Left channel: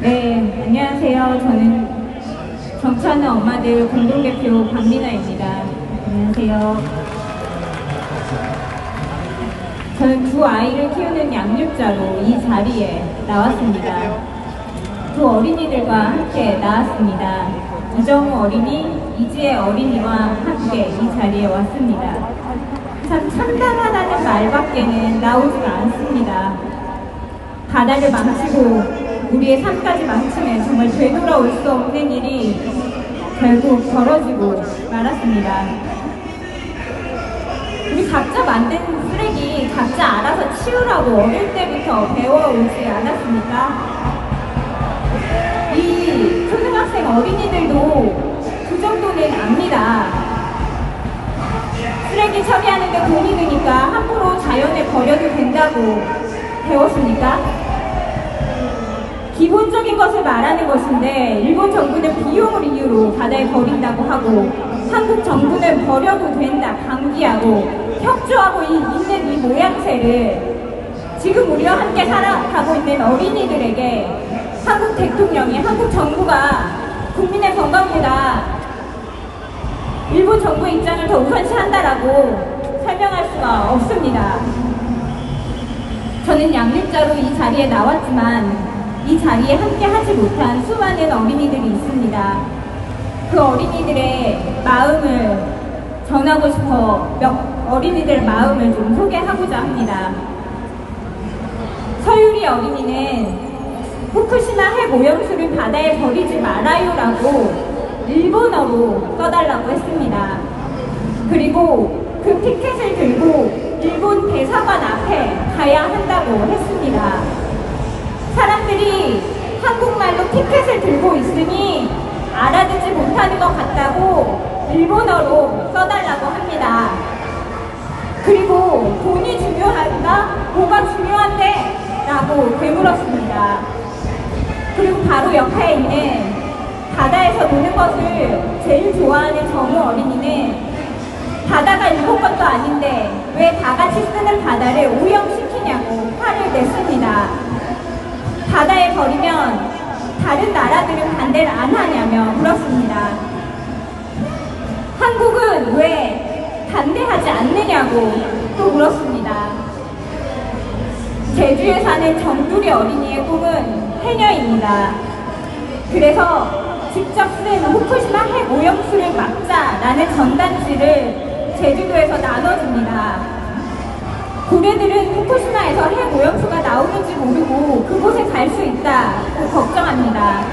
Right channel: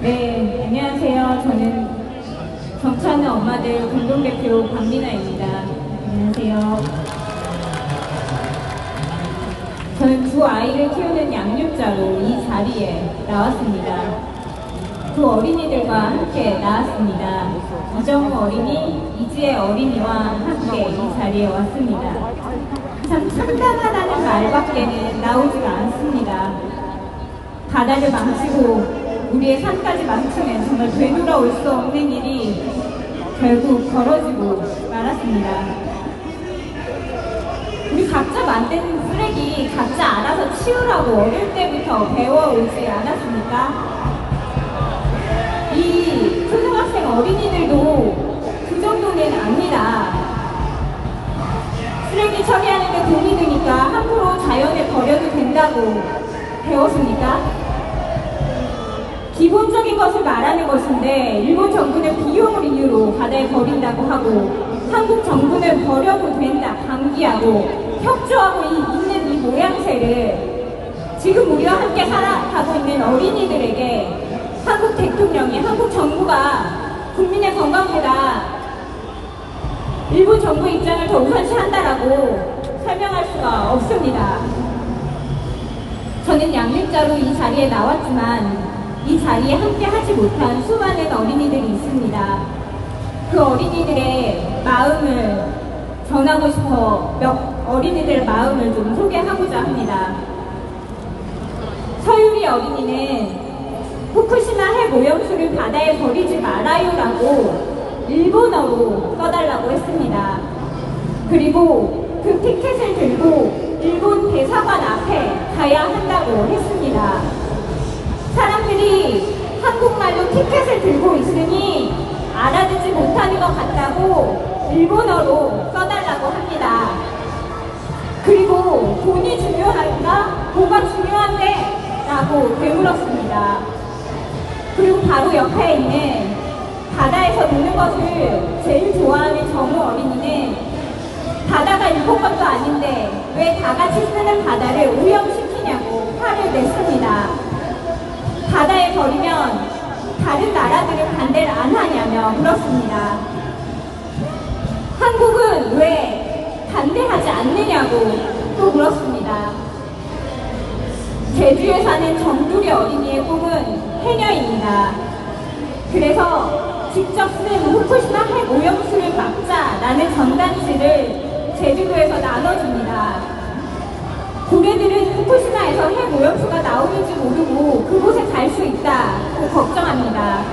네, 안녕하세요. 저는 정찬우 엄마들 공동대표 박민아입니다. 안녕하세요. 저는 두 아이를 키우는 양육자로 이 자리에 나왔습니다. 두 어린이들과 함께 나왔습니다. 이정우 어린이, 이지혜 어린이와 함께 이 자리에 왔습니다. 참 참담하다는 말밖에는 나오지가 않습니다. 바다를 망치고 우리의 삶까지 망치는 정말 되돌아올 수 없는 일이 결국 벌어지고 말았습니다. 우리 각자 만든 쓰레기 각자 알아서 치우라고 어릴 때부터 배워오지 않았습니까? 이 초등학생 어린이들도 그 정도는 압니다. 쓰레기 처리하는 게 돈이 드니까 함부로 자연에 버려도 된다고 배웠습니까? 기본적인 것을 말하는 것인데 일본 정부는 비용을 이유로 바다에 버린다고 하고 한국 정부는 버려도 된다 방기하고 협조하고 있는 이 모양새를 지금 우리와 함께 살아가고 있는 어린이들에게 한국 대통령이 한국 정부가 국민의 건강보다 일본 정부의 입장을 더 우선시한다라고 설명할 수가 없습니다. 저는 양육자로 이 자리에 나왔지만 이 자리에 함께 하지 못한 수많은 어린이들이 있습니다. 그 어린이들의 마음을 전하고 싶어 몇 어린이들 마음을 좀 소개하고자 합니다. 서유리 어린이는 후쿠시마 핵 오염수를 바다에 버리지 말아요라고 일본어로 써달라고 했습니다. 그리고 그 티켓을 들고 일본 대사관 앞에 가야 한다고 했습니다. 사람들이 한국말로 티켓을 들고 있으니 알아듣지 못하는 것 같다고 일본어로 써달라고 합니다. 그리고 돈이 중요한가? 뭐가 중요한데? 라고 되물었습니다. 그리고 바로 옆에 있는 바다에서 노는 것을 제일 좋아하는 정우 어린이는 바다가 일본 것도 아닌데 왜 다 같이 쓰는 바다를 오염시키냐고 화를 냈습니다. 바다에 버리면 다른 나라들은 반대를 안 하냐며 물었습니다. 한국은 왜 반대하지 않느냐고 또 물었습니다. 제주에 사는 정두리 어린이의 꿈은 해녀입니다. 그래서 직접 쓴 후쿠시마 핵 오염수를 막자라는 전단지를 제주도에서 나눠줍니다. 고래들은 후쿠시마에서 핵 오염수가 나오는지 모르고 그곳에 갈 수 있다고 걱정합니다.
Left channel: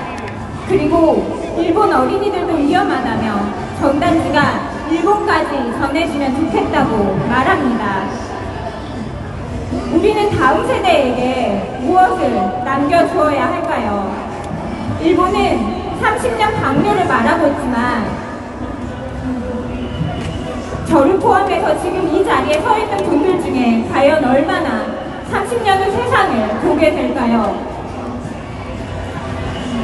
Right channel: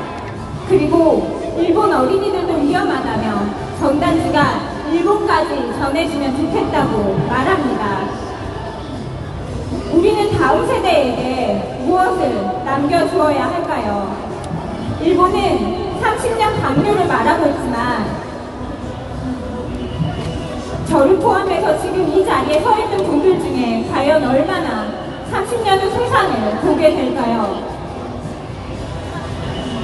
그리고 일본 어린이들도 위험하다며 전단지가 일본까지 전해지면 좋겠다고 말합니다. 우리는 다음 세대에게 무엇을 남겨주어야 할까요? 일본은 30년 강요를 말하고 있지만 저를 포함해서 지금 이 자리에 서 있는 분들 중에 과연 얼마나 30년 후 세상을 보게 될까요?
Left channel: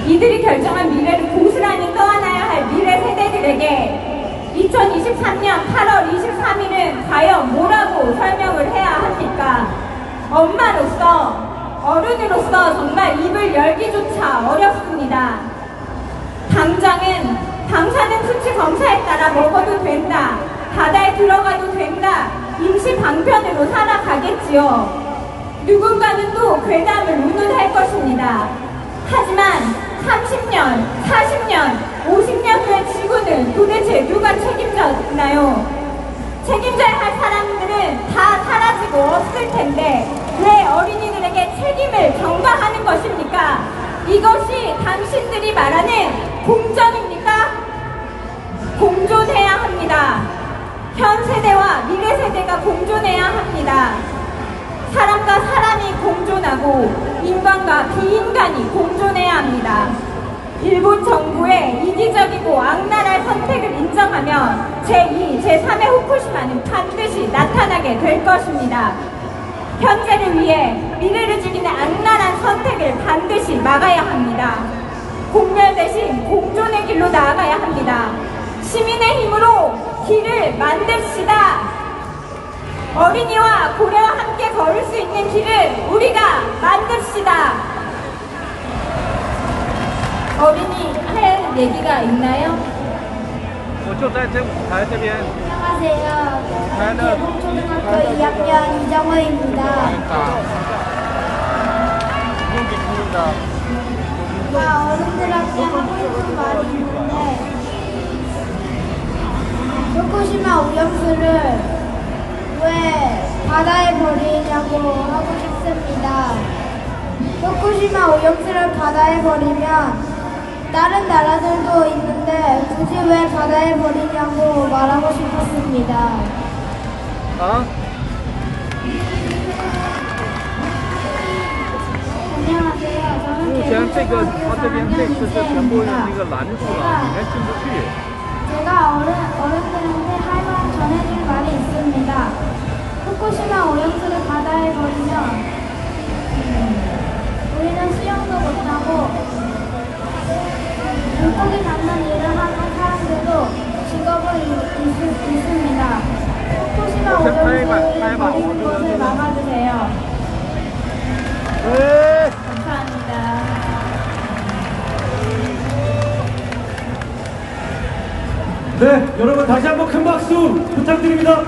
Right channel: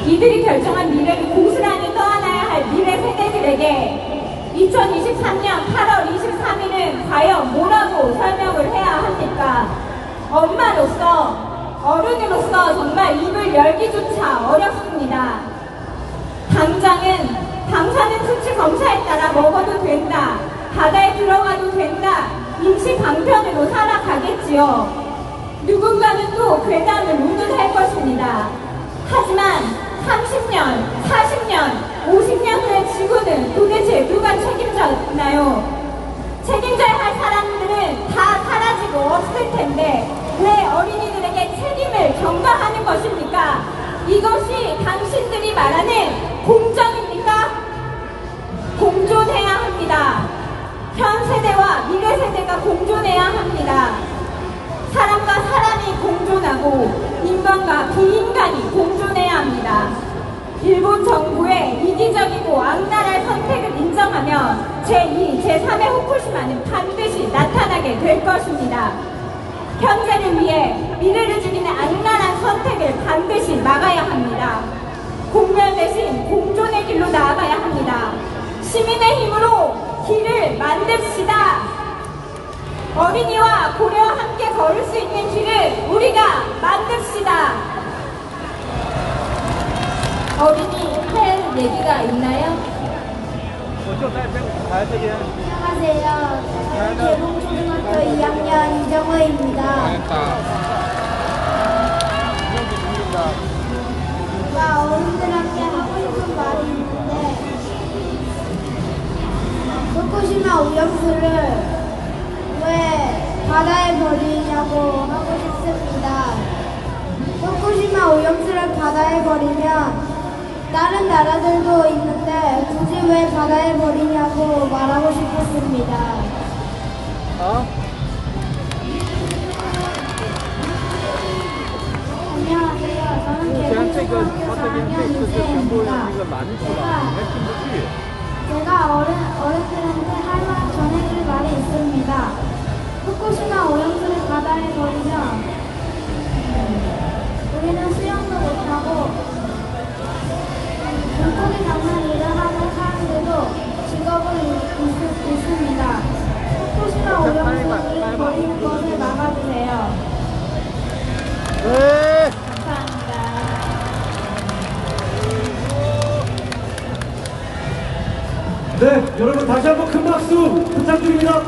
이들이 결정한 미래를 고스란히 떠안아야 할 미래 세대들에게 2023년 8월 23일은 과연 뭐라고 설명을 해야 합니까? 엄마로서, 어른으로서 정말 입을 열기조차 어렵습니다. 당장은 방사능 수치 검사에 따라 먹어도 된다. 바다에 들어가도 된다. 임시 방편으로 살아가겠지요. 누군가는 또 괴담을 운운할 것입니다. 하지만 30년, 40년, 50년 후의 지구는 도대체 누가 책임져나요? 책임져야 할 사람들은 다 사라지고 없을 텐데 왜 어린이들에게 책임을 전가하는 것입니까? 이것이 당신들이 말하는 공존입니까? 공존해야 합니다. 현 세대와 미래 세대가 공존해야 합니다. 사람과 사람이 공존하고 인간과 비인간이 공존해야 합니다. 일본 정부의 이기적이고 악랄한 선택을 인정하면 제2, 제3의 후쿠시마는 반드시 나타나게 될 것입니다. 현재를 위해 미래를 죽이는 악랄한 선택을 반드시 막아야 합니다. 공멸 대신 공존의 길로 나아가야 합니다. 시민의 힘으로 길을 만듭시다. 어린이와 고래와 함께 걸을 수 있는 길을 우리가 만듭시다. 어린이 할 얘기가 있나요? 我就在这边。 안녕하세요. 개봉초등학교 2학년 이정호입니다. 나 어른들한테 하고 싶은 말이 있는데 후쿠시마 오염수를 왜 바다에 버리냐고 하고 싶습니다. 후쿠시마 오염수를 바다에 버리면 다른 나라들도 있는데 굳이 왜 바다에 버리냐고 말하고 싶었습니다. 안녕하세요. 저는 개봉초등학교 4학년 이세입니다. 제가 어른들한테 할 말 전해줄 말이 있습니다. 후쿠시마 오염수를 바다에 버리면 우리는 수영도 못하고 물고기 잡는 일을 하는 사람들도 직업을 잃습니다. 후쿠시마 오염수를 버리는 것을 막아주세요. 감사합니다. 네, 여러분 다시 한번 큰 박수 부탁드립니다.